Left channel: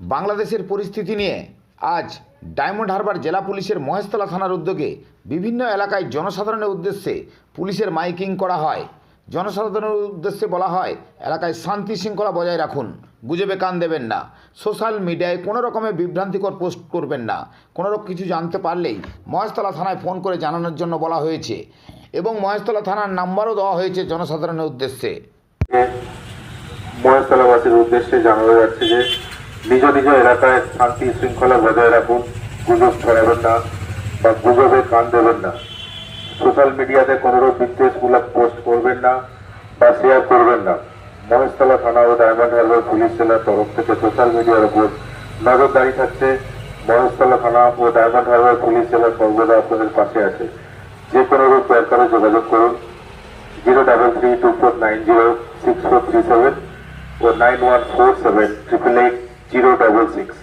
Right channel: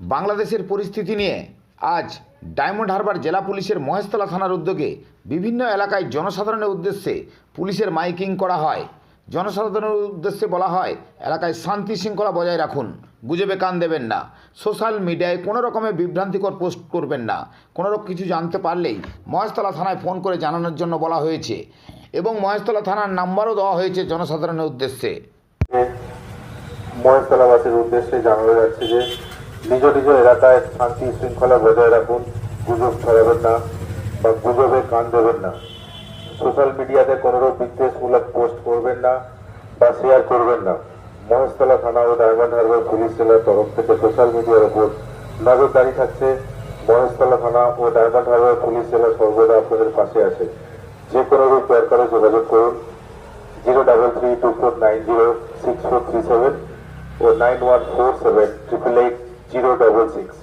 বাংলাদেশের পরিস্থিতি নিয়ে আজ ডায়মন্ড হারবার জেলা পুলিশের মহেশতলা থানার উদ্যোগে বিভিন্ন এলাকায় জনসাধারণের উদ্দেশ্যে পুলিশের মাইকিং করা হয়। জনসাধারণের উদ্দেশ্যে বলা হয়, এলাকায় শান্তি শৃঙ্খলা বজায় রাখুন। গুজবে কান দেবেন না। সোশ্যাল মিডিয়ায় কোনো রকমের বিভ্রান্তিকর পোস্ট করবেন না। কোনো রকম কিছু জানতে পারলেই মহেশতলা থানায় ফোন করে জানানোর জন্য বলা হয়েছে এবং মহেশতলা থানার নাম্বারও দেওয়া হয়েছে জনসাধারণের উদ্দেশ্যে। মহেশতলাবাসীর উদ্দেশ্যে জানানো যাচ্ছে যে নিজ নিজ এলাকায় শান্তি শৃঙ্খলা বজায় রাখুন, গুজব ছড়াবেন না বা গুজবে কান দেবেন না। সোশ্যাল মিডিয়াতে কোনোরকম বিদ্বেষমূলক পোস্ট করবেন না বা শেয়ার করবেন না। মহেশতলা থানা ও ডায়মন্ড হারবার পুলিশ জেলার তরফ থেকে সোশ্যাল মিডিয়ার উপর নজরদারি থাকছে। মহেশতলা থানা ও ডায়মন্ড হারবার পুলিশ জেলার সর্বদা আপনাদের পাশে আছে। যে কোনো রূপ ব্যাপারে যোগাযোগ করুন। Zero double three two four nine zero six four three seven o nine one four seven triple eight zero double six